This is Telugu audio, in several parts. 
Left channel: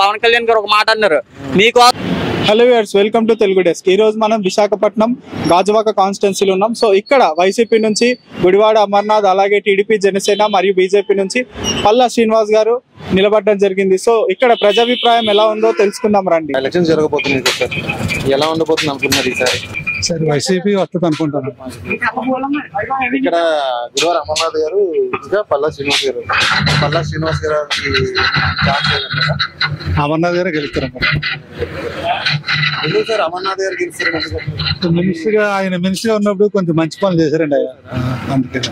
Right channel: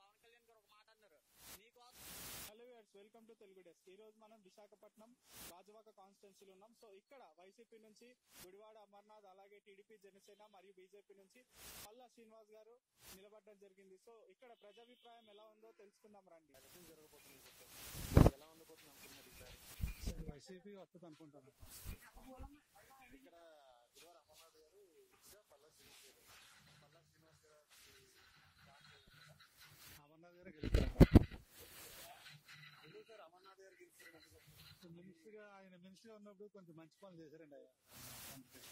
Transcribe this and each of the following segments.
పవన్ కళ్యాణ్ గారు ఒక మాట అన్నారు మీకు. Hello viewers, welcome to Telugu desk. ఈ రోజు మనం విశాఖపట్నం గాజువాక కాన్స్టిట్యున్సీలో ఉన్నాం. సో ఇక్కడ వైసీపీ నుంచి గుడివాడ అమర్నాథ్, అలాగే టీడీపీ, జనసేన మరియు బీజేపీ నుంచి పల్లా శ్రీనివాస్ గారు నిలబడడం జరిగింది. సో ఇక్కడ ప్రజాభిప్రాయం ఎలా ఉందో తెలుసుకుందాం రండి. ఎలక్షన్ జరగబోతుంది సార్, ఎలా ఉండబోతుంది అనుకుంటున్నారు ఈసారి? సార్ వైసీపీ వస్తుంది అనుకుంటున్నాను. ఇక్కడ గుడివాడ అమర్నాథ్ గారు ఇంకా పల్లా శ్రీనివాస్ గారు గారికి ఛాన్స్ లేదంటారా? అమర్నాథ్ గారు గెలుస్తారు. ఎందుకు సార్ అమర్నాథ్ గారు గెలుస్తారు? ఆయన మినిస్టర్ గా ఉన్నప్పుడు కొంచెం మంచి పనులు చేశారండి ఆయన, అందుకని.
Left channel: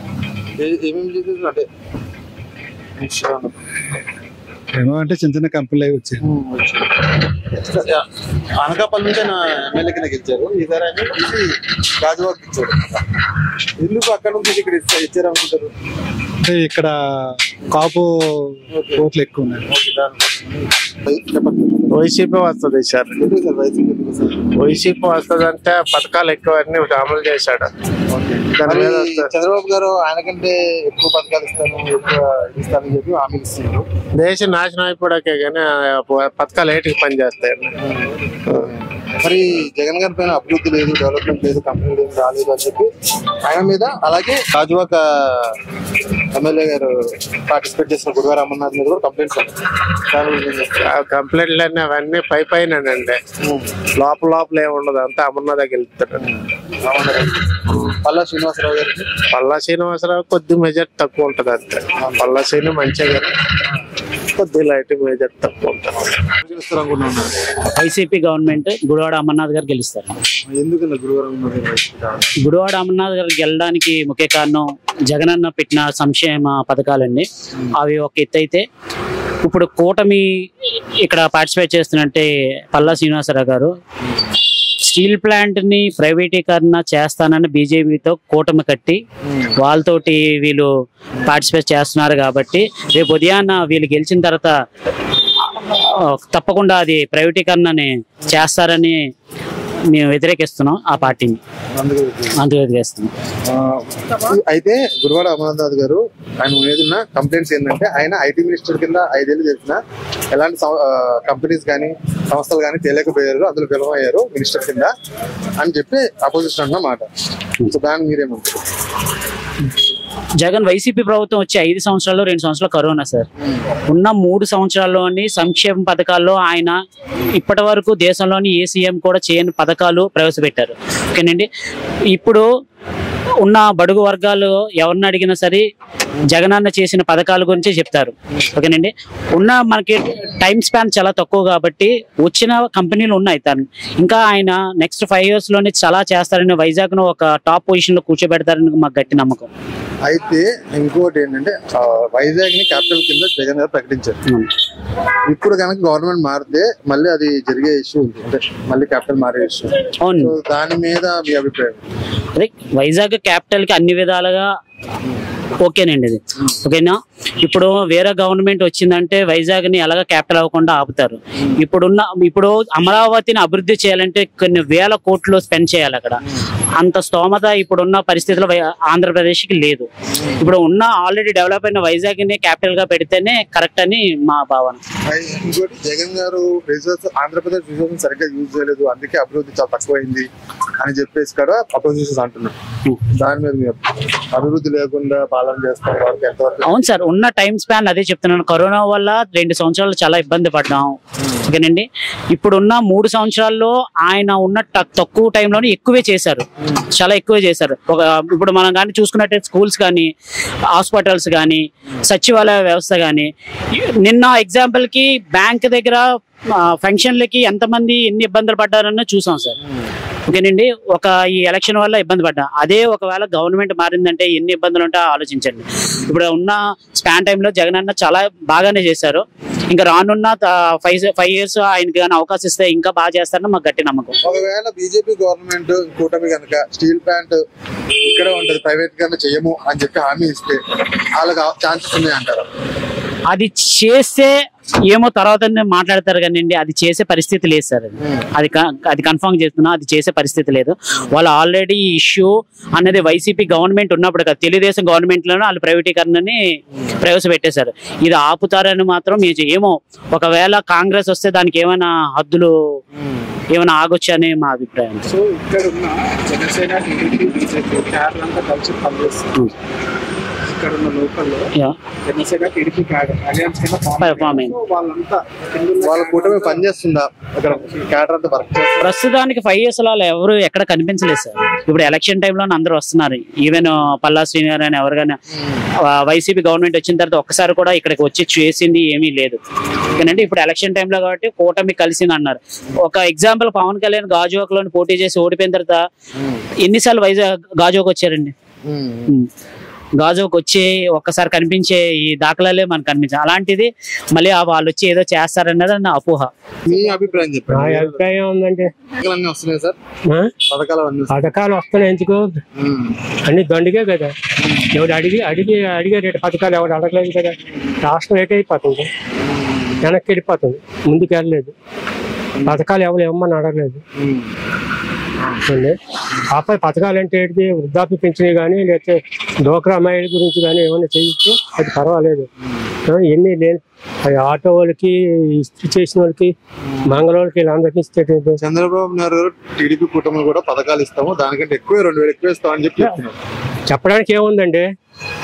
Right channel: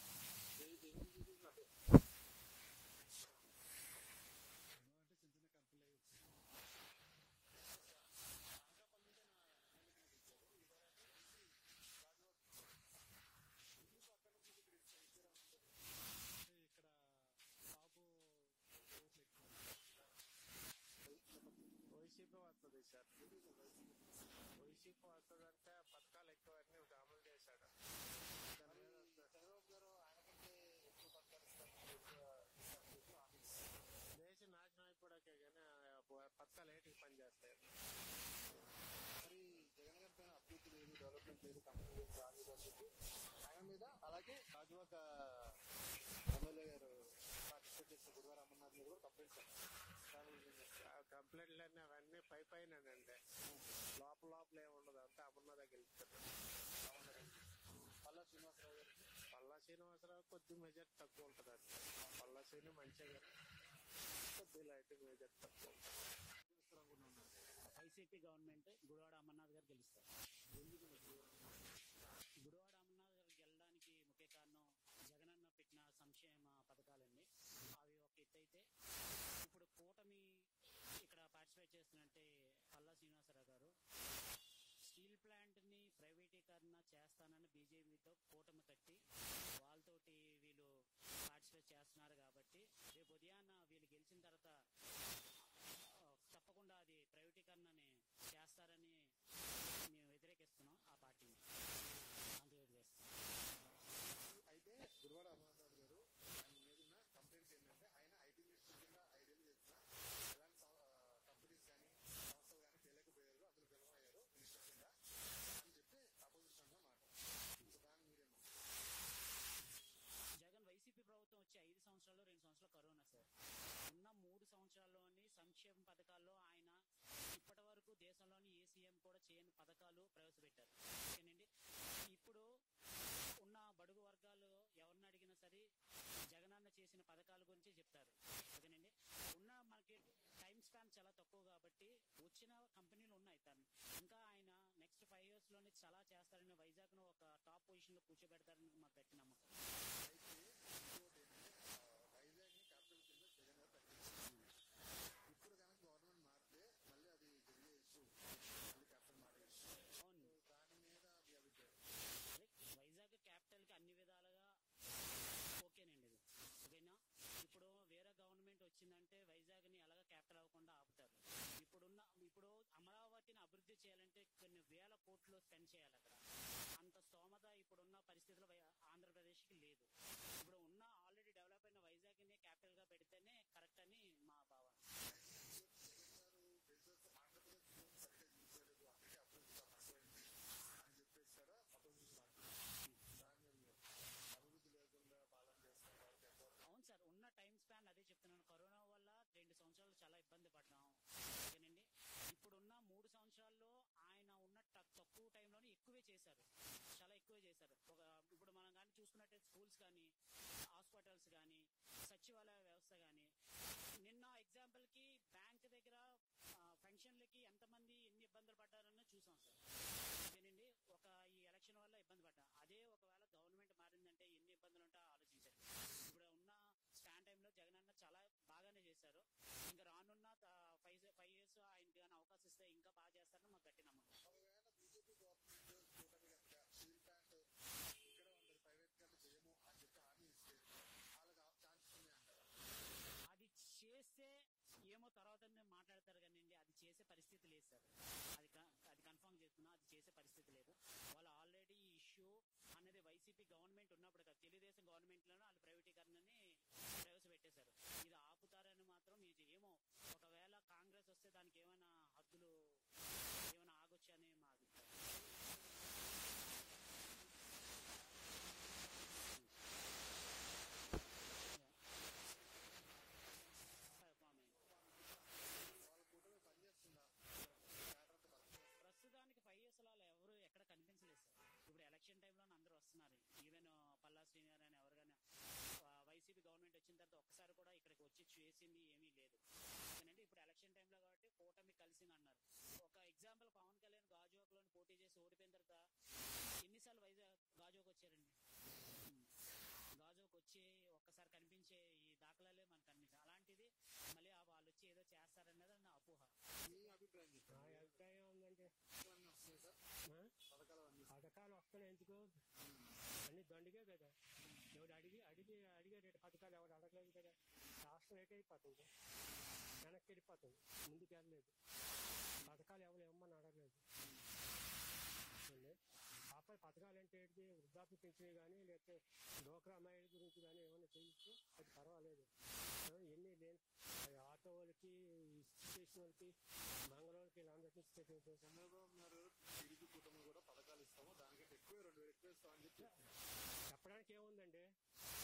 ఏమేమి చేశారు అంటే ఏమో అంటే చిన్న చిన్న కంపెనీలు అవి వచ్చాయి. అనకాపల్లి నుంచి ఆయన ఎమ్మెల్యే కింద గెలిచారు. ఈసారి ఆయన గాజువాక్ ఇచ్చారు. ఎందుకు అక్కడ నుంచి ఇక్కడ ఇచ్చారు అనుకుంటారు? అంటే ఇక్కడ కాపు ఓట్లు ఎక్కువ ఉన్నాయి. వైసీపీ వస్తుంది సార్. వైసీపీ వస్తుంది అంటే పథకాలు ఎక్కువ అన్ని అమలు చేశాడు. చంద్రబాబు గారు ఆయనకంటే ఎక్కువ పథకాలు ఇస్తానని చెప్పి హామీ ఇస్తున్నారు. దేశం నాశనం అయిపోయాకే కానీ పథకాలు ఏటికి పనిచేస్తాయండి. మరి జగన్ గారి పైన అభివృద్ధి లేదు, డెవలప్మెంట్ లేదు, కంపెనీలు ఏం రాలేదు అని చెప్పి ఆయన మీద, అలాగే గాజువాక ఎమ్మెల్యే గారు పార్టిసిపేట్ చేసిన గుడివాడ అమర్నాథ్ మీద కూడా కంప్లైంట్స్ కంప్లైంట్లు అన్నీ అవన్నీ పైనండి, లోపల ఏమి ఉండదు, అంతా అమర్నాథ్ గెలుస్తాడు. పల్లా శ్రీనివాసరావు గారికి కొద్ది మెజార్టీ తక్కువ ఉంటది అంతే. పల్లా శ్రీని మంచిగా కొద్ది లైట్ మెజార్టీ తక్కువ ఉంటుంది. వైసీపీ గవర్నమెంట్ గుడివాడ అమర్నాథ్ గారు గెలుస్తారు. ఎందుకన్నా గుడివాడ అమర్నాథ్ గారు గెలడానికి ముఖ్య కారణం జగనన్న పెట్టిన సంక్షేమ పథకాలండి. అవి ఒక ఎత్తు అయితే, ఇప్పుడు కూటమి ఇక్కడ పార్టిసిపేట్ చేస్తున్నట్టే పల్లా శ్రీనివాసరావు గారు స్టీల్ ప్లాంట్ ని ప్రైవేటీకరణ చేస్తానని బీజేపీతో కూటమి కట్టి వాళ్ళతోటి వీళ్ళు పార్టిసిపేట్ చేస్తున్నారు. కాబట్టి రేపు ఉదయాన్న వీళ్ళు గెలిచిన తర్వాత తప్పకుండా అది ప్రైవేటీకరణని చేస్తారని మేము వ్యతిరేకిస్తున్నాం. ఆ పార్టీని అందుకు వ్యతిరేకిస్తున్నాం. అయితే గుడివాడ అమర్నాథ్ గారు ఆయన ఏదైనా కంప్లైంట్స్ ఏంటంటే, ఆయన ఐటీ మినిస్టర్ కింద 5 ఏళ్ళు చేసిన ఎలాంటి కంపెనీస్ కానీ సంస్థలు కానీ తెలియకపోయారు, అందులో విలువయ్యారు మినిస్టర్ కింద అని చెప్పి అపోజిషన్ అన్నమాట. సో దాన్ని మీరేమంటారు? జగన్ వైసీపీ ప్రభుత్వం వచ్చి 5 సంవత్సరాల్లో 2 సంవత్సరాలు కరోనా సార్. ఉన్న 3 సంవత్సరాల్లోని సంక్షేమ పథకాల్లో ఆయన ఇప్పటి వరకు దేశంలోని ఏ సీఎం కూడా చేయని పథకాలు ప్రవేశపెట్టారు. ఓకేనండి. ఇప్పుడు ఉన్న బడుగు వర్గాలు ఎవరిని అడిగినా సరే జగనన్న చేసిన పథకాల గురించి చెప్తారు. ఓకేనండి. ఉన్న మనకి టైం స్పాన్ చాలా తక్కువ కాబట్టి వచ్చిన కంపెనీలు ఉన్నాయి. ఇంకా ఆయన నెక్స్ట్ 5 years లోనే చాలా చేస్తారని, వైజాగ్ ను ఒక టాప్ పొజిషన్ లో కూర్చోబెడతారని మాకు గట్టి నమ్మకం. అయితే ఇంకోటి ఏంటంటే, వైజాగ్ ని క్యాపిటల్ కింద జగన్ గారు ప్రకటించారు. ఇప్పుడు కనుక గవర్నమెంట్ మారితే మళ్ళీ అది జరిగే ఇష్యూ ఉంది, అంటే మళ్ళీ క్యాపిటల్ మారే ఇష్యూ. దాని మీద మీ అభిప్రాయం? అదే వైజాగ్ క్యాపిటల్ కి అన్ని విధాలుగా ఓకేనండి. ఇది ఓకేనా. ఇప్పుడు వేరే గవర్నమెంట్ వచ్చిందంటే వైజాగ్ ని ఎలాగ క్యాపిటల్ అవ్వకుండా ఆపుతారు. ఇప్పుడు అమరావతిని అభివృద్ధి చేయాలంటే కొన్ని వేల కోట్లు స్పెండ్ చేయాలి. అక్కడ అంత స్తోమత ఇప్పుడున్న పరిస్థితుల్లో ఆంధ్రప్రదేశ్కి లేదు. ఇప్పుడు ఉన్న ఆల్రెడీ డెవలప్ అయిన వైజాగ్ ని క్యాపిటల్ గా పెడితేనే కరెక్ట్ అని మా భావన. ఇంకోటి, జగన్ గారు ఆంధ్రప్రదేశ్ రిజర్వేషన్ సరిగ్గా యూజ్ చేయలేదు, అందుకే అభివృద్ధి చాలా తక్కువైంది అని చెప్పేసి కూడా అపోజిషన్ అంటున్నారు. దాని మీద అభివృద్ధి లేకుండా పాలన చేస్తాం. అవును సార్, ఉన్న టైం స్పాన్ అదే చెప్తున్నాను. కరోనా వల్ల 2 సంవత్సరాలు చాలా ఇబ్బంది పడ్డాం. ఓకేనండి. ఇప్పుడున్న 3 సంవత్సరాల్లో ఆయన ఉన్న తక్కువ టైంలోనే ఎక్కువే చేశారు, చాలా ఎక్కువే చేశారు. ఇప్పుడు మనం కానీ చూసుకున్నట్టు స్కూల్స్ కానీ, హాస్పిటల్స్ కానీ, సచివాలయ వ్యవస్థ కానీ, నిన్న ఎగ్జాంపుల్ కి బ్యాంక్ దగ్గర ఫంక్షన్లకి ఎంతమంది ఎన్ని ఇబ్బందులు పడ్డారన్న చూసాం సార్. ఓకేనండి. ఈ ఎలక్షన్ వల్ల ఇబ్బంది పడ్డా. అదే ఒకవేళ గవర్నమెంట్ మారిందంటే ఎన్ని ఇబ్బందులు ఉంటాయో ఆలోచించండి. ఇప్పుడు ఉన్న స్పాన్ టైంలో జగన్ అన్న చాలా బాగానే చేశారు. ఇంకా రానున్న 5 years ఆయనకి కానీ అవకాశం ఇస్తే ఇంకా బాగా చేస్తారని మాకు గట్టి నమ్మకం. ఒకవేళ బీజేపీ గవర్నమెంట్ కూటమి కనుక స్టీల్ ప్లాంట్ ఇక్కడ ఉంటది, ప్రైవేట్ గా చేయము అని చెప్పి హామీ ఇస్తే వాళ్ళకి ఛాన్సెస్ ఉన్నాయి అంటారా? అది చేస్తే ఏమో తర్వాత మాట్లాడతారు కానీ అది చేసే పరిస్థితి లేదు సార్. అది కన్ఫర్మ్ చేస్తున్నా, అది చేసే పరిస్థితి లేదు. వాళ్ళు ఆల్రెడీ ఇష్యూ అనేది వైసీపీ గవర్నమెంట్ ఉన్నప్పుడు కదా, తెలుగుదేశం గవర్నమెంట్ లోనే వాళ్ళు ప్రైవేటీకరణని ప్రవేశపెట్టేశారు. ఇది ఆపుతారని మాత్రం ఏమో, ఒకవేళ కాంగ్రెస్ వస్తే దానికి ఏమైనా హద్దులు ఏమైనా ఆగొచ్చు అని మా అభిప్రాయం. సో ఇక్కడ ఉన్న జనసేన, టీడీపీ, బీజేపీ క్యాడర్ అంతా కలిసి పనిచేస్తుంది. ఇక్కడ ఉన్న లోకల్లో జనసేన, టీడీపీ అలయన్స్ కింద వాళ్ళంతా వాళ్ళ కూటమి పనిచేస్తుందా అక్కడ క్యాడర్ అంతా వర్క్? ప్రస్తుతానికి 5 years అలా ఎవరు ఎక్కడ కనిపించలేదు సార్. ఇప్పుడు ఎలక్షన్ టైంలో అందరూ వస్తున్నారు. ఈవెన్ పల్లా శ్రీనివాస్ అని ఎవరికైనా వైసీపీ గవర్నమెంట్ వచ్చిన తర్వాత ఒక్కసారి కూడా ఇక్కడికి వచ్చి చేసింది ఏమీ లేదు. ఎందుకంటే ఇప్పుడు ఎలక్షన్ టైంలో కాబట్టి కూటమి కలిసింది అన్నారు. ఒక ఎగ్జాంపుల్, పవన్ కళ్యాణ్ గాజువాకలో పోటీ చేసి ఓడిపోయిన తర్వాత ఎన్నిసార్లు గాజువాక వచ్చారండి? గాజువాక వచ్చి ఒక్కసారి కనిపించే ఈ దాఖలాలే మనకు కనిపించాయి. అలాంటిది మళ్ళీ వాళ్ళు వచ్చి ఏదో చేస్తారన్నది నా అపోహ. మీ అభిప్రాయం చెప్పండి. నా అభిప్రాయం ఉందంటే వస్తున్నాయి సార్ పథకాలు వస్తున్నాయి. ఎందుకు అన్ని దండిగే కదా, ఎవరు అడిగే రేటు పథకాలు ఎవరు అడగలేదు కదా. రాష్ట్రం రేట్ అయిపోతుంది, వెనక్కి వెళ్ళిపోతుంది, ముందుకు వెళ్ళలేదు. పథకాలు ఎవరు ఇవ్వమని అడగలేదు. ఆపై పథకాలు అంటే ఏంటి, వృద్ధాప్య పెంచినవి కానీ లేకపోతే డోక్రా అమ్మాయిల గురించి కానీ ఏమైనా చేయొచ్చు, అది పర్వాలేదు. ఎన్ని లేని ఆటో వాళ్ళకి, ఇస్త్రీ చేసిన వాళ్ళకి, మంగళవాళ్ళకి వీళ్ళందరికీ ఇస్తే చంద్రబాబు నాయుడు టీడీపీ కూటమి కూడా పథకాలు ఇస్తాము, దానికంటే ఎక్కువ 2000 ఎక్కువ ఇస్తామని చెప్పి చెప్పడానికి ఏముందండి,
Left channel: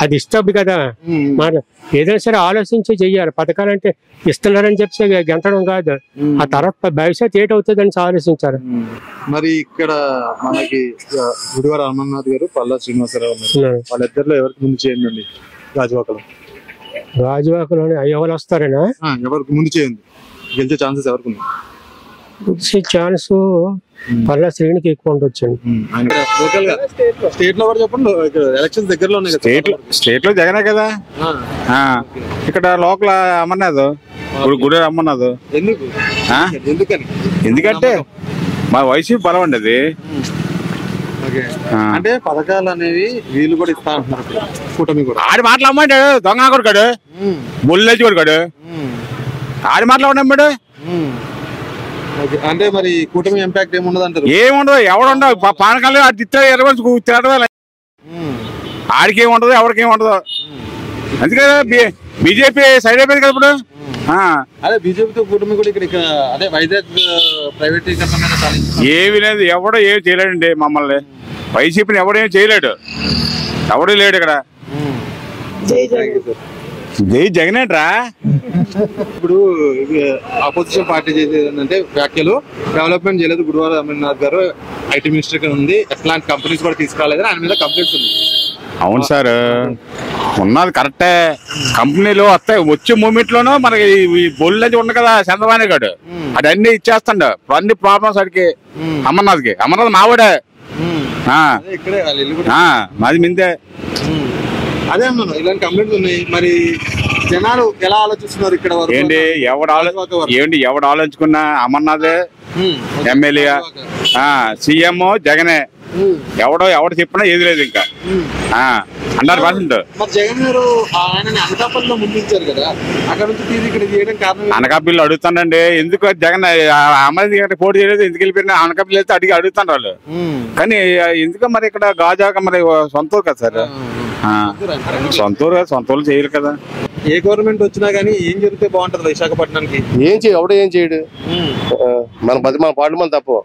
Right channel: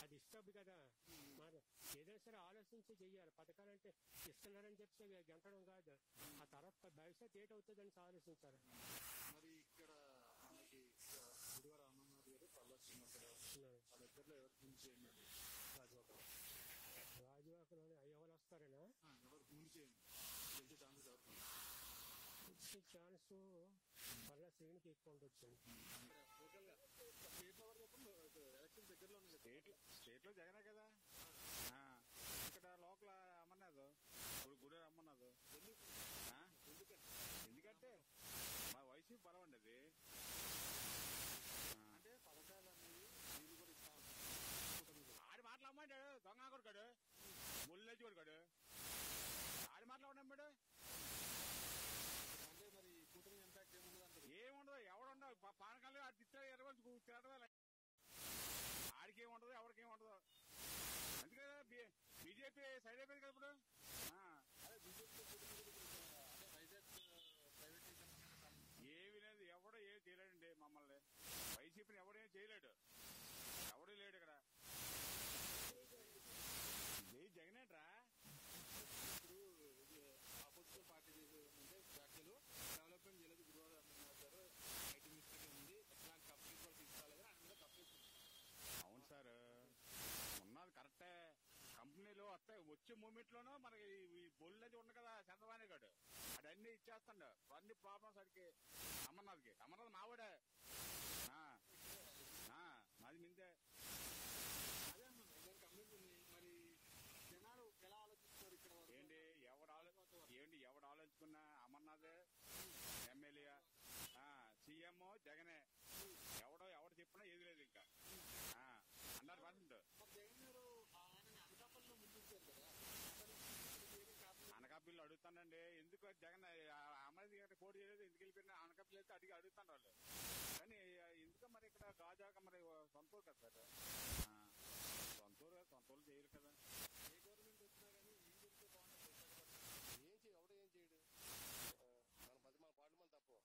అది ఇష్టం కదా. మరి ఏదైనా సరే ఆలోచించి చెయ్యాలి. పథకాలంటే ఇస్తున్నారని చెప్పి గెంతడం కాదు, ఆ తర్వాత భవిష్యత్ ఏటవుతుందని ఆలోచించారు. మరి ఇక్కడ మనకి గుడివాడ అమర్నాథ్ గారు, పల్లా శ్రీనివాసరావు ఉన్నారు. వాళ్ళిద్దరిలో ఎవరికి ముందు చేయండి గాజువాకలోనే ఎవరు వస్తారనా? ఎవరికి ముందు చేయండి, గెలిచే ఛాన్సెస్ ఎవరికి ఉన్నాయి? గెలిచే ఛాన్స్ పల్లా శ్రేణికి ఎక్కువ ఉండొచ్చండి. స్టేట్ లో కూడా చెప్పండి, ఎలక్షన్స్ దగ్గరలో ఉన్నాయి. స్టేట్ లో జగనే కదా, ఇక్కడ లోకల్ అమర్నాథ్, గుడి అమర్నాథ్. ఎందుకంటే మా వైసీపీ బలం అండి అది. అంటే పథకాలు అనేవి వీళ్ళు కూడా ఇస్తా అంటున్నారు కూటమి కూడా. ఆడి మాట్లాడమంటాడు దొంగ కొడుకాడు, బొల్లేసి కొడుకాడు, ఆడి మాట్లాడమంటాడు. అంటే మరి కూటమి ఇంపాక్ట్ ఏముండదు అంటారు? ఏముండదు, ఎవడుండవు. పవన్ కళ్యాణ్ అది తిరగడం ఆడికి ఏముండదు, ఎవరికి ఏముండదు. అందుకే బీజేపీ సైడ్ అయిపోయింది కదా ఇప్పుడు. అదే బీజేపీతో కూటమి కూడా ఇక్కడ అదే వైజాగ్ ప్రైవేటీకరణ ఏమి లేదు, ఎవడో ఏమి చేయలేడండి మమ్మల్ని. వైసీపీని ఎవడేం చేయలేడు, ఎవడూ లేడు ఇక్కడ. జై జగనేట్రా. ఇప్పుడు ఆపోజిషన్ పార్టీ చేసేది ఏంటంటే వ్యాఖ్యలు, డెవలప్మెంట్ చేయలేదు గుడివాడ అమర్నాథ్ గారు, ఐటీ మినిస్టర్ గా ఉంది, ఎట్లాంటి కంపెనీస్ కూడా తీసుకురాలేదు, ఆయన మీద కంప్లైంట్స్ ఉంది. అవును సార్, ఉన్నది కరెక్టే. కంపెనీలు వస్తాయి, వచ్చే మూమెంట్ లోనూ మనకి బొల్లు అది ఉంది కదా చంద్రబాబు గారు, అది అన్ని ఇచ్చేస్తాడు. అన్ని ప్రాబ్లమ్స్ అడిగి అమర్నాథ్కి. అమర్నాథ్ మావాడే, మాది మిందే. అదే అన్నాను, ఇలాంటి కంప్లైంట్స్ ఉన్నాయి. మరి జనాలు ఎలా ఆలోచిస్తున్నారు ఇక్కడ? ఏంటి ఎవడు ఆలోచించుకున్నా అమర్నాథే ఎమ్మెల్యే, సీఎం జగనే. ఎవడు చెప్పినా ఏది లేదు ఇంకా 100%. జగన్ గారు ఆయనని అనకాపల్లిలో ముందుంచారు కదా, అక్కడ నుంచి ఇక్కడ చేయడం కారణం? అనకాపల్లి అడుగుతానండి, ఎందుకు జగన్ అమర్నాథ్ పోటీ చేయలేదు, ఎందుకు వెళ్ళిపోయినా అనకాపల్లి వెళ్తే అడుగుతాను వాళ్ళు. కానీ ఎందుకు మరి ఇక్కడ గాజాక మరి సొంత ఊరు కదా సార్, సొంత ఊరు చేయరు కదా. ఏ గవర్నమెంట్ వచ్చినా గానీ ఏం జరిగితే బాగుంటది విశాఖపట్నానికి? ఎవడో ఏం చేయడు, మన పాటు మన తప్పు,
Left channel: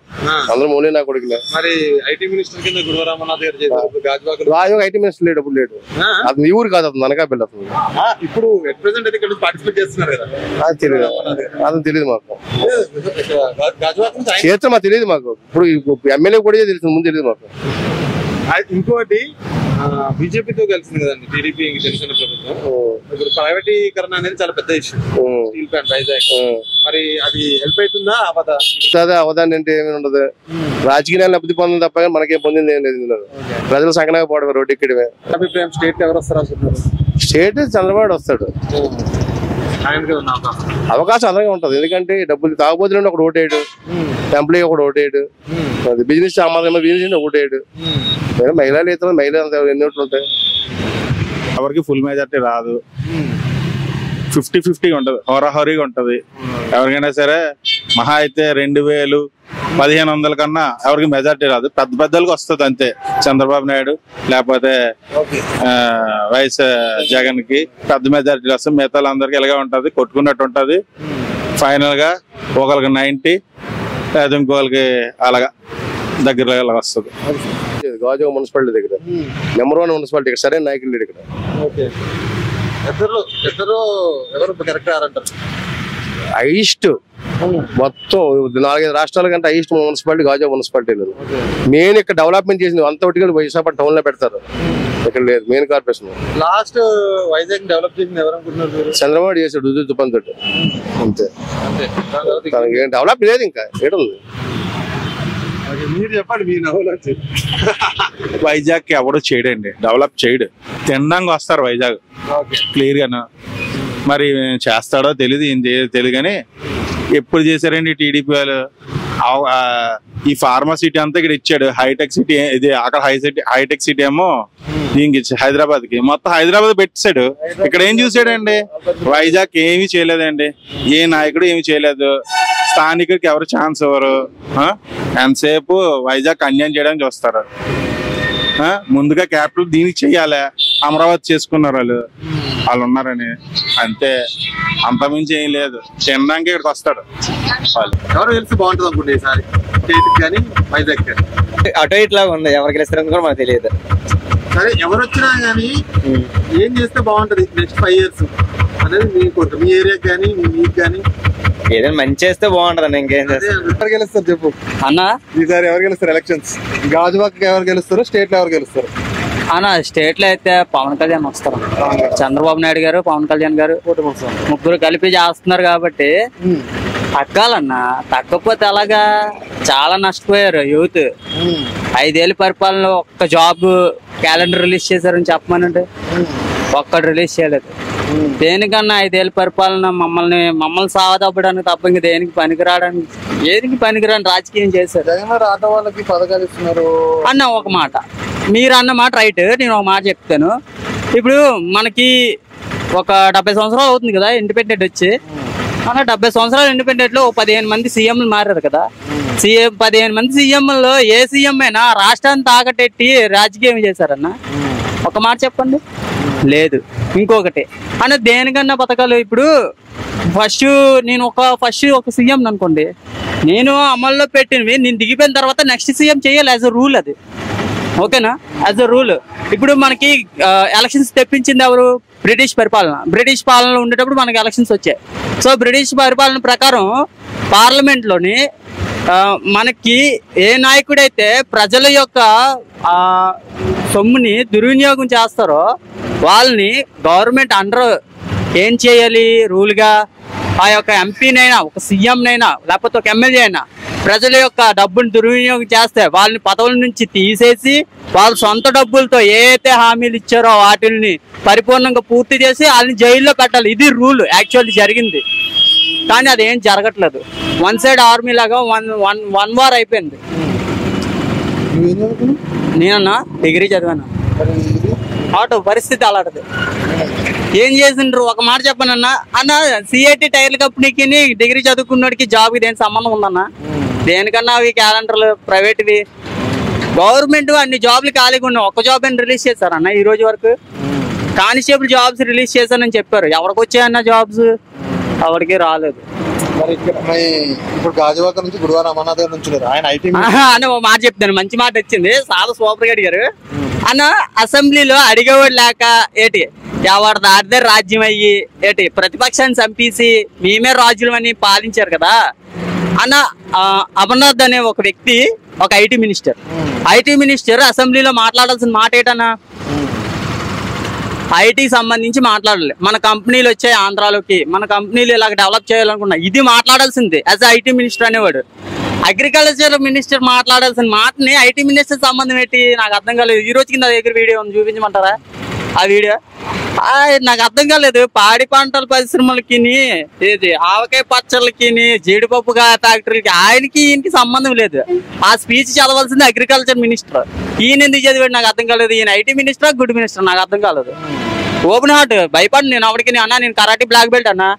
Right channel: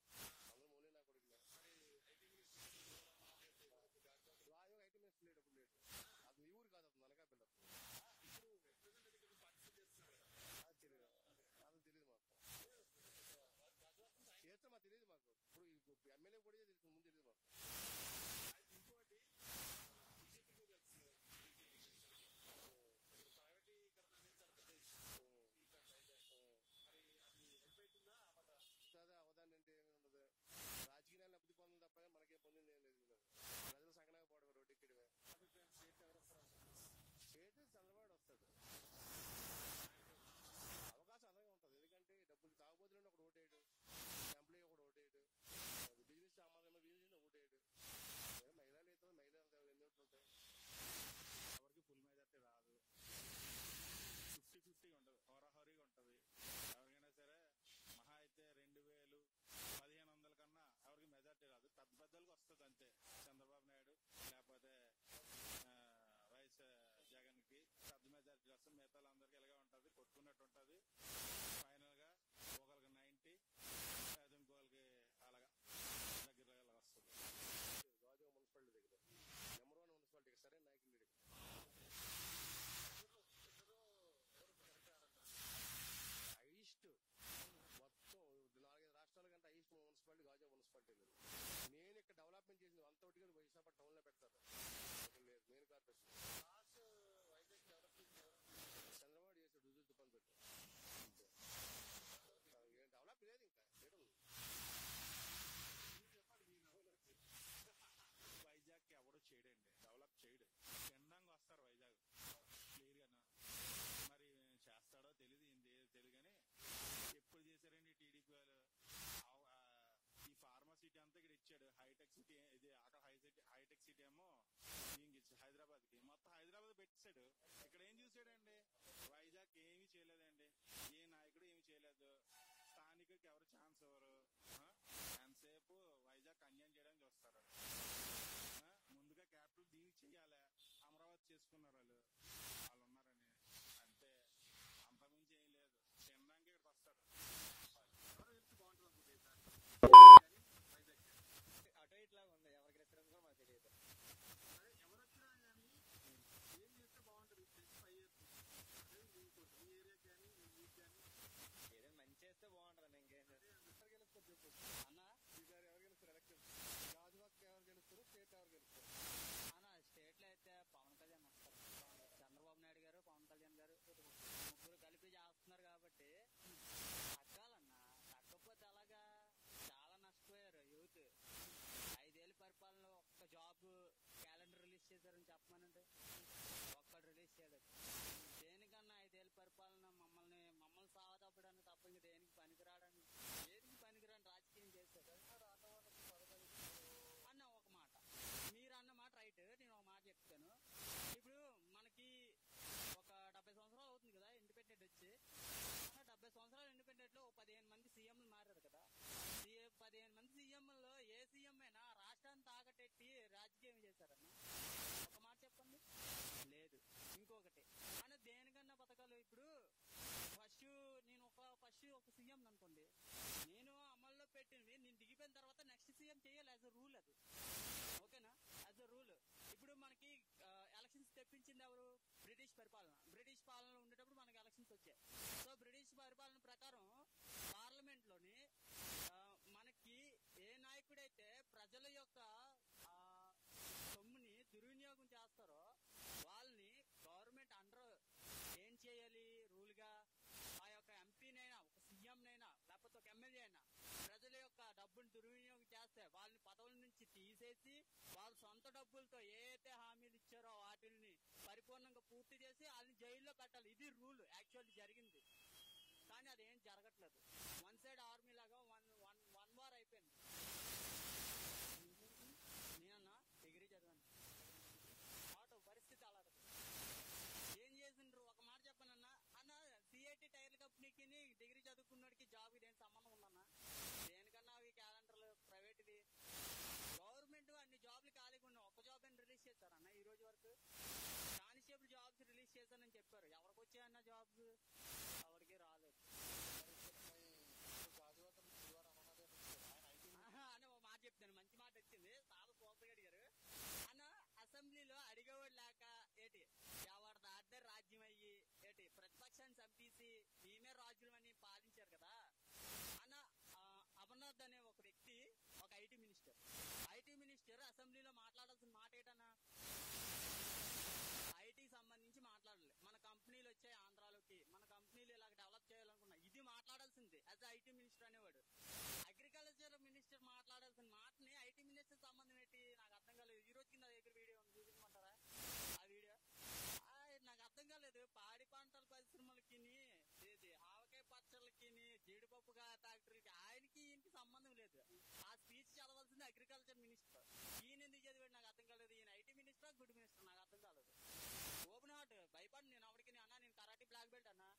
అందరూ మూలే నా కొడుకులే. మరి ఐటీ మినిస్టర్ కింద గుడివాడ అమర్నాథ్ గారు చేశారు, రాజు ఐటీ మినిస్టర్ లేడు, అప్పుడు లేడు. అది మీ ఊరు కాదు, అతను అనకాపల్లి. అతను ఇప్పుడు ఎట్ ప్రెసెంట్ అయితే ఇక్కడ పార్టిసిపేట్ చేస్తున్నారు కదా, అది తెలియదు, అతను తెలియదు మాకు. చేస్తే మాకు తెలియదు మాకు. ఇప్పుడు ఎమ్మెల్యే కూడా తెలుసు, ముందు తెలియదు మాకు. ఇంకోటి బీజేపీతో కలిసింది కదండి టీడీపీ, జనసేన ప్రభుత్వం. ఇప్పుడు ప్రైవేటీకరణ అనేది చాలా పెద్ద ఇష్యూ, స్టీల్ ప్లాంట్ వైజాగ్. మరి అది హెల్ప్ అవుతుందా అవదా? అవదాన్ని అంటే ఏమి ఉండదు, రాజకీయాలు లబ్ధి పొందింది తప్ప మనకేం పొందింది ఏం లేదు. ప్రజలు సంకనాగా పోవడమే, రోడ్డు ఎక్కడమే. అభిప్రాయం స్టేట్ ఎవరు వస్తారు అనుకుంటున్నారు? స్టేట్ చంద్రబాబు వస్తాడు, అవకాశం అలాగే ఉంటది. ఎందుకంటే డబ్బులు తాగబోతున్నా ఒకటి ఓటేయడు, ఎంప్లాయీ ఒకటి ఓటేయడు, బిజినెస్ బిజినెస్ ఓటేయడు. మహిళలు అయితే మహిళలు ఎన్ని ఓట్లు ఉంటాయి? ఎవరికి ఫుల్ మెజార్టీ రాదు. 50-50 ఉంటది, హోరాహోరీగా ఉంటది. ఎవరికైనా సరే మహా అయితే 2000 1500 కన్నా ఎవరికి మెజార్టీ రాదు, పెద్ద పెద్దలకు వస్తుంది అంతే. చంద్రబాబు నాయుడు లేకపోతే వైఎస్ జగన్ కి పెద్ద మెజార్టీ వస్తుంది, మిగతా అందరికి ఇలాగే ఉంటది, కొట్టుకున్నట్టు ఉంటది. ఫైనల్ గా ఒకరికి 90 లేదా ఇంకోళ్ళకి అలాగా దగ్గర వస్తుంది. గాజువాక మున్సిపాలిటీ దగ్గర నెంబర్ 1 మున్సిపాలిటీ ఇక్కడ సరైన నాయకులు లేడు ఇక్కడ. ఇద్దరు ఎవరు కరెక్ట్ అంటారు? హైయెస్ట్ మొత్తం 4-5 రాష్ట్రాల కంటే highest municipality Gajuwaka municipality. Main ఇక్కడ డెవలప్మెంట్ చేసింది అంత ఒకటి విశాఖపట్నం టౌన్ లో పెడతారు, ఇక్కడ లేదు. Main corporation last Vizag develop చేసింది ఎవరు అనుకుంటున్నారు? చంద్రబాబు చేశాడు తుపంతో అంతే. తనకి ఏం డెవలప్ లేదు ఇంకా ఏడుంది. మీరు చెప్పండి మీ నవ్వులు. వైజాగ్ ఎవడు చేయడండి, డెవలప్ చేయడు, తినడానికి వస్తారు వైజాగ్ క్లియర్ గాను. మరి చేస్తాడో తెలియదు, ఏం తెలియదు. కానీ ఎప్పుడు చేశారండి టీడీపీ వాళ్ళు? ఈ ఫార్మా సిటీ అంతా ఇక్కడ ఇచ్చాడు, హైటెక్ సిటీ ఇది అక్కడ హైటెక్ సిటీ ఏమో దీనికి హైదరాబాద్ కి, మొత్తం హైదరాబాద్ పెట్టాడు. ఇక్కడ ఏం చూసాడండి? వైజాగ్ ఏమీ చేయలేదండి, ఏ నాయకుడు ఏమి చేయలేదు. స్థానికుడికి ఎవరు ఛాన్స్ ఇవ్వరు, ఎంతసేపు వైజాగ్ అన్యాయం చేయడానికి చూస్తారు. ముందుగా క్యాపిటల్ దీనికి చెయ్యాలి, అమరావతి చేసుకున్నారు వాళ్ళు ఉన్నారని అంతే, అంతమించి ఏం లేదు. తినడానికి ఇక్కడికి వస్తాడు. ఎవరు గెలిస్తే బాగుంటుంది అనుకుంటే ఈసారి స్టేట్ కానీ వైజాగ్ కానీ? అటో ఇట్లా ఉంది, ఎవరు గెలుస్తారని కూడా మనకు తెలియదు. సరే ఎవరు వచ్చినా గానీ ఏం చేస్తే బాగుంటది నెక్స్ట్ 5 years అనేది మీకు మీ ఏరియాకి కానీ మీకు కానీ? ఏదైనా మంచి చేస్తే బాగుంటది, ఇంకేం చేస్తారు. ఎవరు గెలుస్తారు చెప్పు అన్న? ఈసారి ఎవరు గెలుస్తారు ఎలక్షన్స్? గాజువాక ఎవరు గెలుస్తారు, స్టేట్ లో ఎవరు గెలుస్తారు? అన్న స్టేట్ లో అయితే పవన్ కళ్యాణ్ వస్తారు, చంద్రబాబు నాయుడు గారు, పవన్ కళ్యాణ్ గారు ముగ్గురు కలిపి చేస్తున్నారు కాబట్టి తగ్గాలన్న. తగ్గకపోతే అలాగా చాలా నష్టపోయారు యూత్. 5 ఏళ్ళ పరిపాలనలో ఒక్క జాబ్ క్యాలెండర్ రిలీజ్ చేశారని చెప్పమనండి, ఒక్కడు రిలీజ్ చేయలేదు. దేనికన్నా 5 ఏళ్ళ పరిపాలన మమ్మల్ని సావదప్పడానికి తప్ప ఇంక దేనికి పనికిరాని రాజకీయం చేశారు. ఆటో వాళ్ళకి పథకాలు ఇస్తున్నారు అన్న. ఒక మాట మీరు అన్న మాట రైట్, నేను ఒక మాట చెప్తాను. ఇప్పుడు మనకి ఒక 70 సంవత్సరాలు అవుతుంది కదా ఇండిపెండెంట్ వచ్చి. మన 70 సంవత్సరాలు ఇండిపెండెంట్ లో 15 మంది సీఎంలు మారారు కదా. 15 మంది సీఎంలో ఏ సీఎం అయినా రాష్ట్రాన్ని తాకటెట్టి రాజకీయం చేశారన్న? ఒక మాట చెప్పండి. లేదు. ఇంకొకటి అన్న, దేనికన్నా పథకాలు ఇప్పుడు నేను ఒక సీఎం అనుకోండి, నేను అమల్లో పెట్టినవి నేను దిగిపోయిన తర్వాత నెక్స్ట్ సీఎం చేయాలి, యాజ్ అ రూల్ అది. ఓకేనా? As a rule. ఇప్పుడు మనకి ఎలక్షన్స్ తెప్పించింది ఎవరు? బ్రిటిష్ పాలనలో ఉండేటప్పుడు మనకి ఎలక్షన్స్ వచ్చాయి. సో బ్రిటిష్ పరిపాలన ప్రకారం పార్లమెంట్లోని మనకి ఏ నాయకుడైతే ప్రజల యొక్క సొమ్ముని దుర్వినియోగం చేస్తారో వాళ్ళని గవర్నమెంట్ అండర్ ఏం చేయాలి రూల్గా? ఆ యొక్క ఎంపీనైనా, ఒక సీఎంనైనా, లేకపోతే ఒక ఎమ్మెల్యే అయినా ప్రజల యొక్క డబ్బుని దుర్వినియోగం చేస్తే వాళ్ళని పదవుల నుంచి తీసేసి వాళ్ళ సొంత డబ్బులతో ఏ అయితే హామీలు ఇచ్చారో వాటిని పరిపూర్ణంగా పూర్తి చేసి వాళ్ళని జైల్లో పెట్టాలి. ఇది రూల్ యాక్చువల్లీ జరిగింది. కానీ అదేం జరగట్లేదు. 1 సైడ్ ఆర్మీ లాగా వన్ వార్ అయిపోయింది. నేనన్నా డిగ్రీ చదివాను, ఆటో పరిస్థితి అలాంటిది. ఏం చేసిండ్రు? ఒక మాట చెప్పనన్నా అన్న, సిఐటి టైర్ల కంపెనీకి డిగ్రీ చదువుకున్నోడికి జాబ్కి దేని సంబంధం ఉందన్నా? దేనికన్నా అవి క్యాలెండర్లు ప్రైవేట్వి. గవర్నమెంట్ అన్ని జాబ్లు ఖాళీగా ఉన్నాయి, ఒక్క జాబ్ అని రిలీజ్ చేశారన్న ఈ రోజు వరకు. కానిస్టేబుల్ జాబ్స్ రిలీజ్ చేశానని చెప్పారు, ఎవరికి వచ్చాయన్న జాబ్స్? ఎవరికి రాలేదు. ఇప్పుడు గాజువాక నుంచి గుడివాడ అమర్నాథ్ గారు నుంచి ఆయన ఐటీ అని ఒక మాట చెప్తాను, మంచి మాట వచ్చింది. చాలా సూపర్ గా అడిగారు అన్న. అసెంబ్లీలో అడిగేవాడు లేక ఏటి ఎవరి దాటిదే రాజ్యం అయ్యి ఏటి ప్రతిపక్షాన్ని చంపేసి మేమే రాజ్యం అని పాలించారు కదా అన్న. అమర్నాథ్ అనే ఒక వ్యక్తి, ఒక ఐటీ మినిస్టర్ అసెంబ్లీలో మాట్లాడాల్సిన మాట ఏంటన్నా? ఐటీకి సంబంధించి మాట్లాడాలి. మన కంపెనీలు వచ్చాయి ఆంధ్రాలోకి, మన కంపెనీలు ఇలాగ డెవలప్ చేయాలనుకున్నా, ఇది మాట్లాడాల్సింది యాజ్ ఐటీ మినిస్టర్ అనేవాడు. అగ్రికల్చర్ మినిస్టర్ మాట్లాడాల్సిన మాటని ఐటీ మినిస్టర్ సంబంధం ఏంటి? నాకు అర్థం కాలేదు. ఈ రోజు కింద దగ్గర వీడియో ఉంది, చూపించమంటారా ఆ వీడియో? నాకు అర్థం కాలేదు. పాడి పంటల పరిశ్రమలకి, ఏది ఆవకాయ పచ్చళ్ళకి, జీడిపప్పు ఫ్యాక్టరీలకి ఆయనకి ఈయనకి సంబంధం లేదు. ఆ స్పీచ్ చదవాల్సింది అగ్రికల్చర్ మినిస్టర్. ఈయన ఎందుకు చదివాడు నాకు అర్థం కాలేదు. ఈయన ఐటీ మినిస్టరా గుడ్ మినిస్టర్ నాకు అర్థం కాలేదు. ఓపెన్ హార్ట్ భయపడి నేను ఎవరికి అన్నా నేను కరాటే బ్లాక్ బెల్ట్ అన్నా,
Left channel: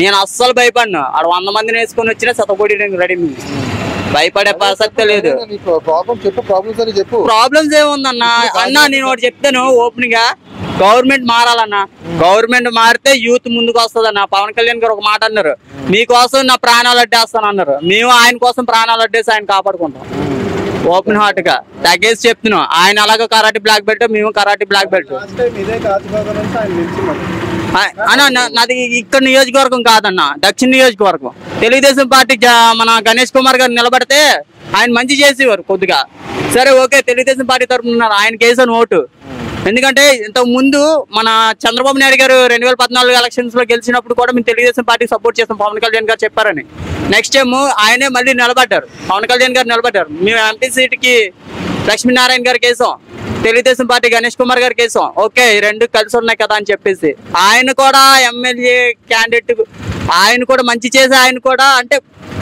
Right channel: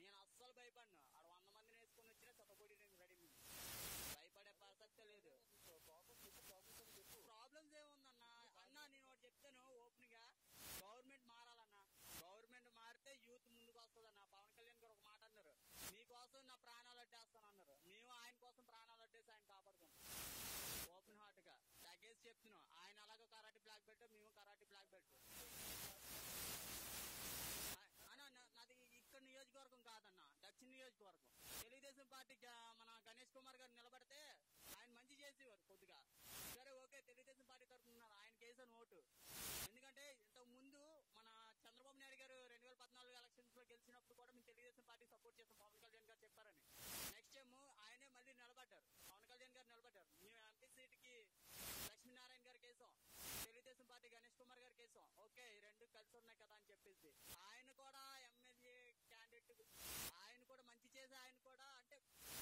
నేను అస్సలు భయపడినా. ఆడ 100 మందిని వేసుకొని వచ్చినా సతకోటి రెడీ, భయపడే ప్రసక్తే లేదు. ప్రాబ్లమ్స్ ఏముందన్నా అన్నా నేను ఒకటి చెప్తాను ఓపెన్ గా, గవర్నమెంట్ మారాలన్నా. గవర్నమెంట్ మారితే యూత్ ముందుకు వస్తుందన్న. పవన్ కళ్యాణ్ గారు ఒక మాట అన్నారు, మీకోసం నా ప్రాణాలు అడ్డేస్తాను అన్నారు. మేము ఆయన కోసం ప్రాణాలు అడ్డేసి ఆయన కాపాడుకుంటాం. ఓపెన్ హార్ట్ గా తగ్గేసి చెప్తున్నాం. ఆయన అలాగే కరాటే బ్లాక్ బెల్ట్, మేము కరాటే బ్లాక్ బెల్ట్. అన్న నాది ఇక్కడ నియోజకవర్గం కాదన్న, దక్షిణ నియోజకవర్గం. తెలుగుదేశం పార్టీ మన గణేష్ కుమార్ గారు నిలబడితే ఆయన మంచి చేసేవారు కొద్దిగా. సరే ఓకే, తెలుగుదేశం పార్టీ తరఫున ఉన్నారు, ఆయనకి వేసాను ఓటు. ఎందుకంటే ఇంతకు ముందు మన చంద్రబాబు నాయుడు గారు 2014 ఎలక్షన్స్ లో గెలిచినప్పుడు కూడా మేము తెలుగుదేశం పార్టీకి సపోర్ట్ చేస్తాం, పవన్ కళ్యాణ్ గారు చెప్పారని. నెక్స్ట్ టైం ఆయనే మళ్ళీ నిలబడ్డారు, పవన్ కళ్యాణ్ గారు నిలబడ్డారు. మేము ఎంపీ సీట్కి లక్ష్మీనారాయణ గారికి వేసాం, తెలుగుదేశం పార్టీ గణేష్ కుమార్ గారికి వేసాం. ఓకే, ఈ రెండు కలిసి ఉన్నాయి కదా అని చెప్పేసి ఆయన కూడా ఎమ్మెల్యే క్యాండిడేట్, ఆయన కూడా మంచి చేసి ఆయన కూడా అంటే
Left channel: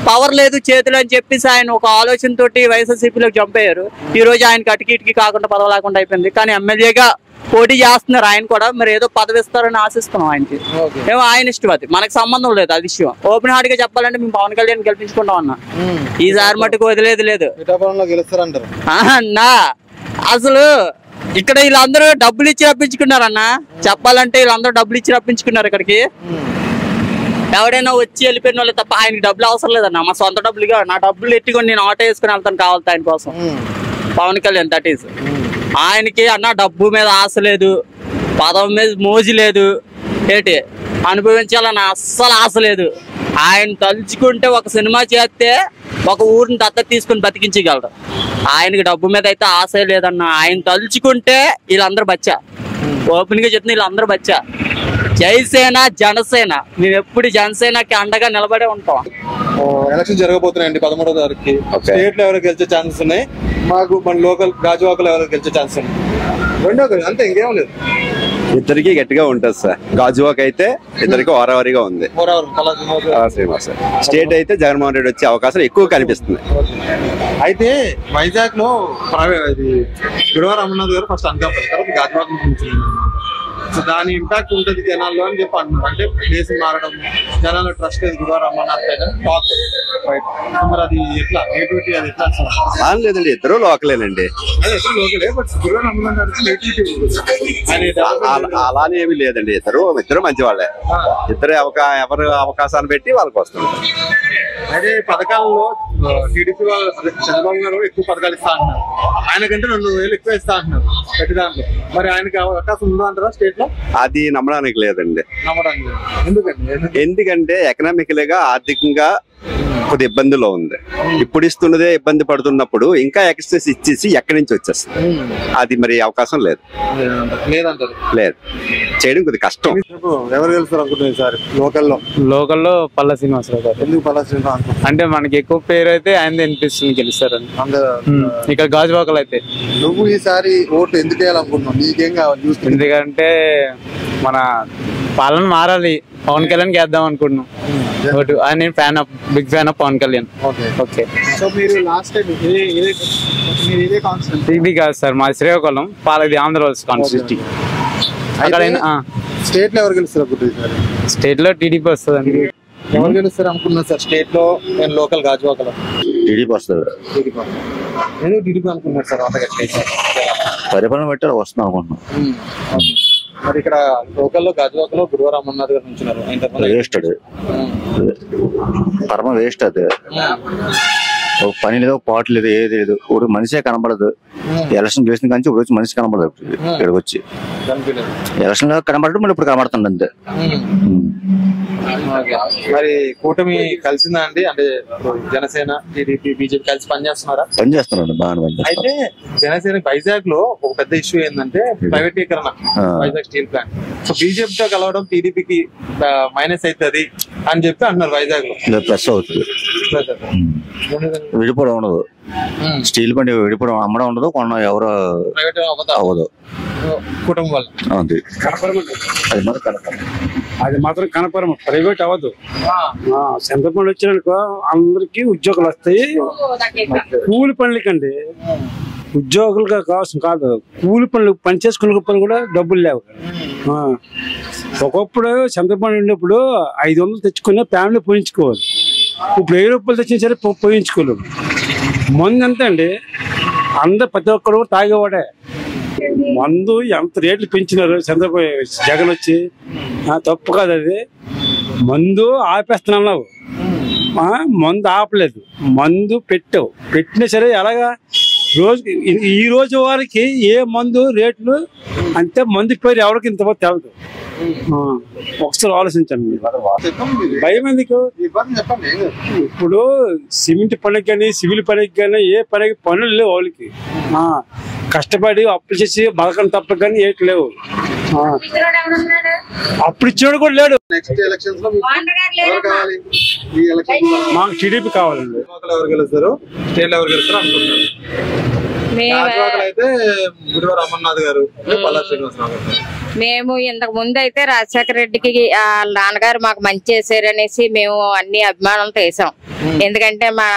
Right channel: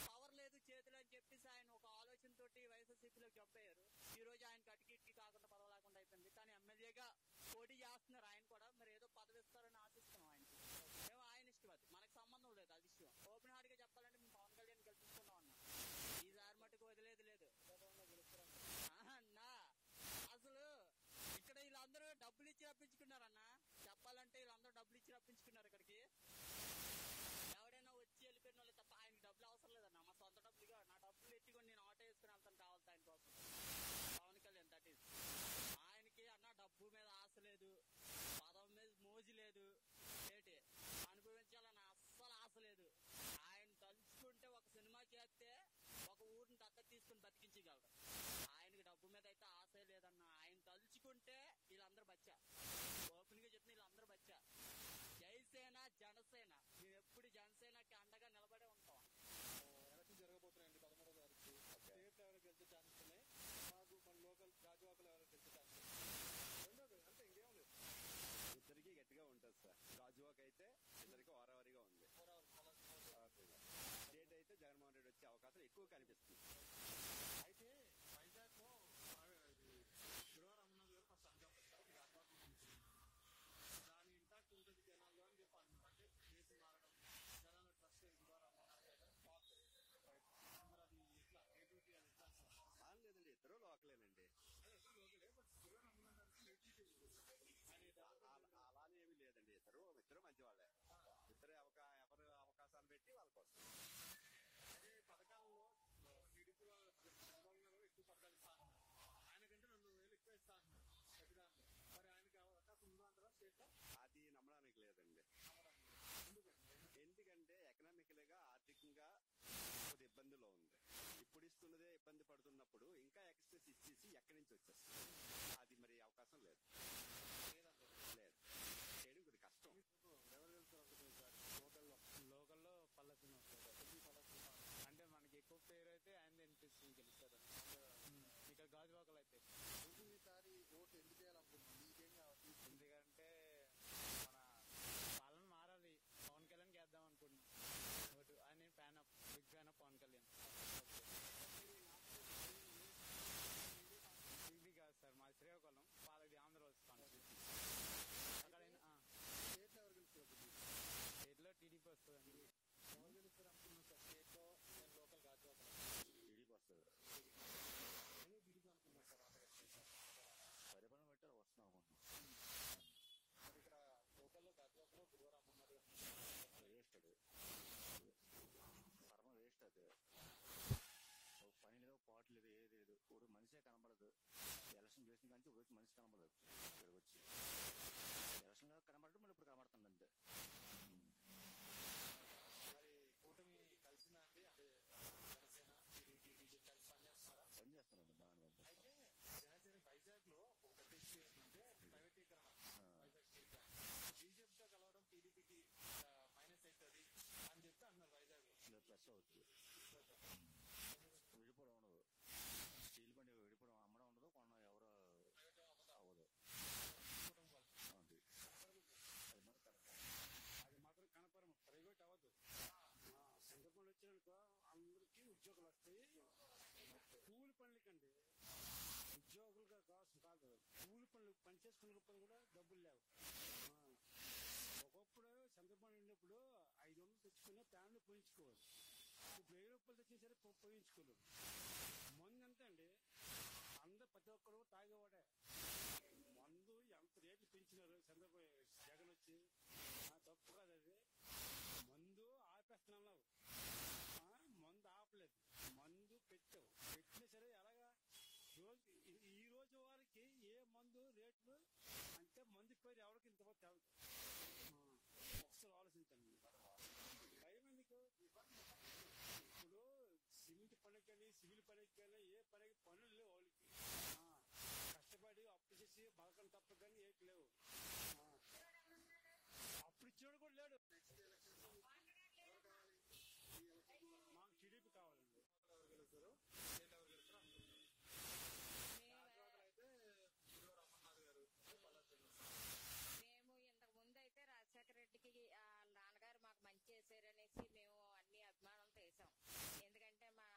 పవర్ లేదు చేతులు అని చెప్పేసి ఆయన ఒక ఆలోచనతోటి వైఎస్ఆర్సీపీలోకి జంప్ అయ్యారు. ఈ రోజు ఆయనకి అటుకి కాకుండా పదవి లేకుండా అయిపోయింది. కానీ ఎమ్మెల్యేగా పోటీ చేస్తున్నారు ఆయన కూడా. మరి ఏదో పదవి ఇస్తారని ఆశిస్తున్నాం ఆయనకి. ఏమో ఆయన ఇష్టం, అది మనకు సంబంధం లేదు. అది విషయం ఓపెన్ హార్ట్ గా చెప్పాలంటే మేము పవన్ కళ్యాణ్ గెలిపించుకుంటాం అన్న. ఈసారి మట్టుకు వదిలేదు లేదు అన్నా. అసలు ఇక్కడ వీళ్ళందరూ డబ్బులు ఇచ్చి రప్పించుకున్నారన్న. చెప్పాలంటే వీళ్ళందరూ డబ్బులు ఇచ్చి రప్పించుకున్నారు ఇక్కడికి. ఎవడైనా వచ్చి వెళ్ళిపోయిన వాళ్ళు తప్ప ఆయనకి డబ్బులు అవసరం లేదన్న. మా సొంత డబ్బులుగా నా డబ్బులు ఎట్టుకొని నేను ఆటో వేసుకుని వెళ్తాను కావాలి ఆయన కోసం. పవన్ కళ్యాణ్ దట్ ఈస్ ఆయనకి అన్న. డబ్బు మీద ఆశ లేదు, పదవి మీద మోజు లేదు, ఏంటి అనుభవించాలని అస్సలు ఆశ లేదు. ఆయన తలుచుకుంటే ఒక సినిమా చేస్తే ఒక ఊరిని దత్తత తీసుకుని బతికించగలరు. ఆయనకి డబ్బు మీద అయితే ఆశ లేదన్న. ఆయన తలుచుకుంటే వీళ్ళందరూ బచ్చా. ఓపెన్ గా చెప్తున్నా, వీళ్ళందరూ బచ్చా. జైసేన జనసేన, మేము ఎప్పుడు జనసేనకి అండగా నిలబడే ఉంటాం. ఎలక్షన్ జరగబోతున్నాయండి 13వ తారీఖుకి. స్టేట్ లో ఎవరు గెలిచే ఛాన్సెస్ ఉన్నాయి, మాకు మన లోకల్ గాజువాకలో ఎవరు గెలిచే ఛాన్సెస్ ఉన్నాయి. రెండో అంతే, ఇంకేం లేదు. ఇద్దరికి గట్టిగా ఉంటుంది సార్. గాజువాక్ అయితే ఇద్దరికి వారావారిగా ఉంది. స్టేట్ అయితే జగన్మోహన్ రెడ్డి వచ్చే అవకాశాలు ఎక్కువ కనిపిస్తుంది. అయితే వైజాగ్ లో గురువారం అమర్నాథ్ గారు ఫస్ట్ అనుకోవాలి గాజువాక్ నుంచి, సో దాని ఇంపాక్ట్ ఉంటుంది జనాల్లో అని చెప్పి అంటున్నారు. అంటే ప్లేస్ మారడం, జనాల్లో ట్రస్ట్ లేదు గురువారం అమర్నాథ్ పైన టాక్. మరి అది ఎట్లా నేటివిటీ, అది ఎట్లా లేదండి, ఇద్దరు లోకలేనండి. లోకలే, బట్ గురువారం అమర్నాథ్ గారికి నేటివిటీ అలానే ఏమీ లేదండి. ఇద్దరు మంచి వాళ్ళే. ఇద్దరు ఎవరు అవకాశాన్ని పెట్టి వాళ్ళకి వస్తున్నారు. అదే పథకాలలో టీడీపీ వాళ్ళు చంద్రబాబు గారు ఎక్కువ పథకాలు ఇస్తా అంటున్నారు, ఆయనకంటే 2,000 ఎక్కువ ఇస్తా అంటున్నారు ప్రతి దాంట్లో. మరి ఆయనకి అవకాశం ఉందా అంటారా స్టేట్ లో? అది నమ్మడానికి లేదండి. ఎందుకండి? ఎందుకంటే ఎకనామికల్ గా ఆర్థికంగా కొద్ది ఇబ్బందిలో ఉంది. ఇప్పుడు ఇస్తున్నదే ఇబ్బంది పడుతున్నప్పుడు ఇంకా ఎక్స్ట్రెస్ ఇచ్చేసి ఎక్కడి నుంచి వచ్చేస్తుంది? అది మరి అవకాశం లేదు, లేదు చేయడం కొద్ది కష్టం. ఎవరు గెలుస్తారు అనుకుంటున్నారు సార్ లోకల్లో? పల్లా శ్రీనివాసరావు గారు. ఎందుకు పల్లా శ్రీనివాసరావు? అంటే మనకి ఎక్కువ పేరు అయితే ఆయన అనిపిస్తుంది గెలుస్తారని. ఇక్కడ గాజువాకలు అయితే. నువ్వు ఈసారి ఓటు ఎందుకు వేయాలనుకుంటున్నావు? నీకేం కావాలి? ఎందుకంటే మన పాలన మారాలి, పవన్ కళ్యాణ్ వేద్దాం అనుకుంటున్నాం ఓటు. నేను big fan of Pawan Kalyan. Okay, so మీరు లాస్ట్ టైం ఇది కాదు సార్, మా శ్రీకాకుళం పాలది ఆంధ్ర కాన్స్టిట్యూన్సీ. అక్కడ స్టేట్ లో ఎవరు గెలుస్తారు? స్టేట్ లో టీడీపీ వస్తుంది. ఎవరు గెలుస్తారు అనుకున్నారు సార్ స్టేట్ లో? నేను లోకల్ గాజువాకలో టీడీపీ వస్తుంది. ఎందుకు టీడీపీ అనుకున్నారు సార్? పరిపాలన బట్టి వస్తున్నాం అనుకుంటున్నాం. మరి ఇక్కడ లోకల్లో గాజువాకలో గురువారం అమర్నాథ్ గారు ఉంటున్నారు. వేస్ట్, అది పరమ వేస్ట్. అది పని లేదు, పాటు లేదు, ఏది లేదు. ఇప్పుడు మనిషే కనబడదు. ఎలక్షన్ చేసిన కానీ ఇప్పుడు వచ్చి మనిషి కనబడదు. ఇక్కడికి వచ్చి ఎలక్షన్ లో కనబడదు, మళ్ళీ ఇప్పుడు కనబడుతుంది అంతే. మరి కూటమి కలిసిందా అండి? అంటే జనసేన, టీడీపీ, బీజేపీ కలిసి పనిచేస్తున్నారా? పనిచేస్తున్నారు బాగా. అయితే జనసేన వైజాగ్ లో ఒక పెద్ద ఇష్యూ ఏంటంటే ప్రైవేటీకరణ, వైజాగ్ స్టీల్ ప్లాంట్. సో బీజేపీతో కలవడం టీడీపీకి మైనస్ అవుతుంది అని చెప్పి అంటున్నారు వైజాగ్ లో. ప్లస్ అవుతుంది, విడిపోవడం ఉండదు. స్టీల్ ప్లాంట్ విడిపోవడం అమ్మడం ఉండదు, కొన్న ఎవరు అవ్వదు కుటుంబం వల్ల. అది మాత్రం కనపరమ ప్రైవేట్ అవ్వదు. చంద్రబాబు వచ్చినాక అందరికి ఉద్యోగాలు వస్తాయి. కూలి పనులకండి ఉద్యోగులుగా కావాల్సిన కాదు, కూలి పనులు పని చేసుకునే పనులు కూడా డబ్బులు లేవు. ఒకప్పుడు చంద్రబాబు ఉన్నప్పుడు 500 తెచ్చుకునే ఫ్యామిలీ పోయించుకోవాలి. ఇప్పుడు 1000 రూపాయలు తెచ్చినా సరే పోయించుకోలేము. మందు ఎంత అండి, అందరు ప్రతి ఒక్కరు తాగేవాడే. మందు ఎంత రేట్లు పెంచినారు చంద్రబాబు జగన్ వచ్చి. తప్పు కాదు అది. మందు ఆపేస్తున్నావు, మందు ఆపలేదు, మందు పెట్టినా సరే ఎలాగా ఈ రోజు వారికి ఏ మందు రేట్లు అంతే, మందు పేరు ఎవరికి ఇంత తెలదు. ఒకసారి ఆలోచించండి. భయం ఎందుకు? ఇప్పుడు సిమెంట్ పనికి కానీ సివిల్ పనికి కానీ ఏ పనికి పనులు లేవు వాళ్ళకి. కష్టపడి అప్పులు చేసి బతకడం తప్ప కానీ ఏటి లేవు. అప్పుడు ఇచ్చాడు కూడా లేడు. మాకు టీడీపీ కావాలండి. ఎవరు గెలుస్తారు, స్టేట్ ఎవరు గెలుస్తారు అనుకుంటున్నారు? అయితే గుడివాడ అమర్నాథ్ గారు, పల్లా శ్రీనివాసరావు గారు. మేము ఇంతకు ముందు అయితే రాజశేఖర రెడ్డికి వాళ్ళ నాన్నగారు మాకు మంచి చేశారు అనేసి మేము అన్ని అభిమానంతో వేసాం. ఎందుకంటే మా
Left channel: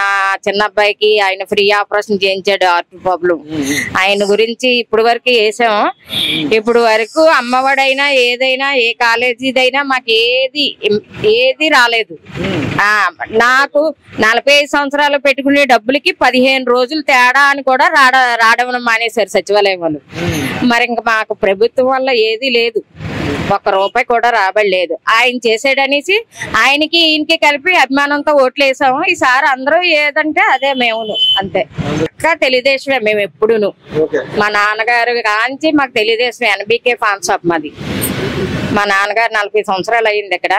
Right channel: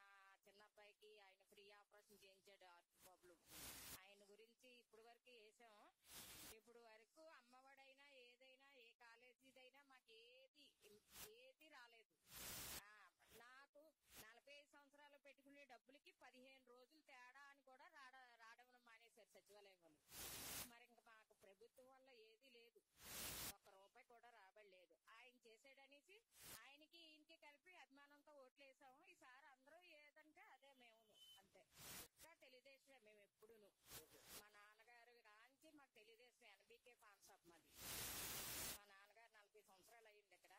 చిన్న అబ్బాయికి ఆయన ఫ్రీ ఆపరేషన్ చేయించాడు, హార్ట్ ప్రాబ్లం. ఆయన గురించి ఇప్పుడు వరకు వేసాం. ఇప్పుడు వరకు అమ్మఒడైనా ఏదైనా ఏ కాలేజీదైనా మాకు ఏది రాలేదు. నాకు 45 సంవత్సరాలు పెట్టుకునే డబ్బులకి 15 రోజులు తేడా అని కూడా రావడం మానేశారు సచివాలయం వాళ్ళు. మరి ఇంకా మాకు ప్రభుత్వం వల్ల ఏది లేదు, ₹1 కూడా రాబడలేదు. ఆయన చేసాడనేసి ఆయనకి ఈయనకి కలిపి అభిమానంతో ఓట్లు వేసాము. ఈసారి అందరూ ఏదంటే అదే మేమును, అంతే. ఇంకా తెలుగుదేశమే మేము ఎప్పుడును. మా నాన్నగారు కాంచి మాకు తెలుగుదేశం. NBK ఫార్మ్ షాప్ మాది. మా నాన్నగారు 40 సంవత్సరాలు అయింది ఇక్కడ.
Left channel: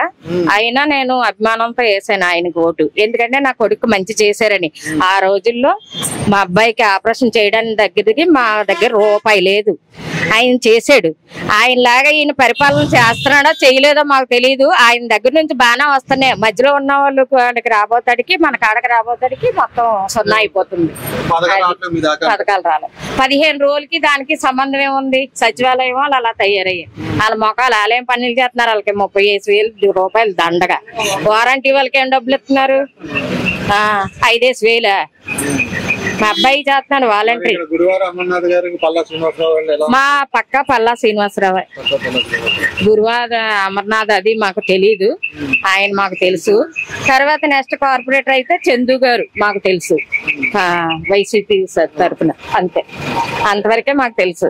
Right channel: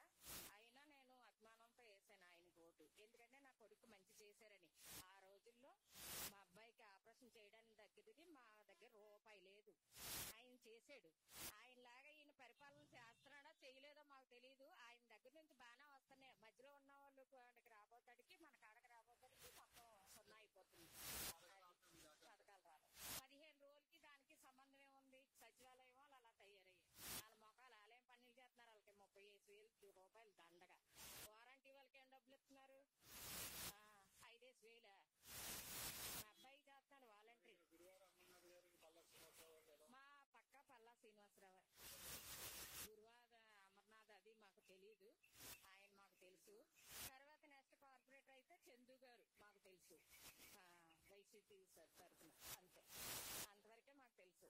అయినా నేను అభిమానంతో వేసాను ఆయనకు ఓటు. ఎందుకంటే నా కొడుకు మంచి చేశారని. ఆ రోజుల్లో మా అబ్బాయికి ఆపరేషన్ చేయడానికి దగ్గరికి మా దగ్గర ₹1 లేదు. ఆయన చేశాడు. ఆయనలాగా ఈయన పరిపాలన చేస్తున్నాడో చేయలేదో మాకు తెలియదు. ఆయన దగ్గర నుంచి బాగానే వస్తున్నాయి. మధ్యలో ఉన్న వాళ్ళు కాడికి రాబోతాడికి మన కాడకి రాబోతాడికి మొత్తం 0 అయిపోతుంది. పథకాలు రాలేదు. 15 రోజులకి దానికి సంబంధం ఏముంది? సచివాలయం వాళ్ళు అలా తయారయ్యాయి. వాళ్ళ మొక్కలు వాళ్ళేం పనులు చేస్తున్నారు? వాళ్ళకి 35,000 దండగా. వారంటీ వాళ్ళకి ఏం డబ్బులు ఇస్తున్నారు? 5,000. మా అబ్బాయి చేస్తున్నాడు వాలంటరీ. మా పక్క పల్లా శ్రీనివాసరావు. గురువార అమర్నాథ్ అది మాకు తెలీదు, ఆయన మాకు తెలుసు. తర్వాత నెక్స్ట్ కార్పొరేటర్ అయితే చందు గారు మాకు తెలుసు, వైసీపీ తరఫున. అంతే, అంతవరకే మాకు తెలుసు.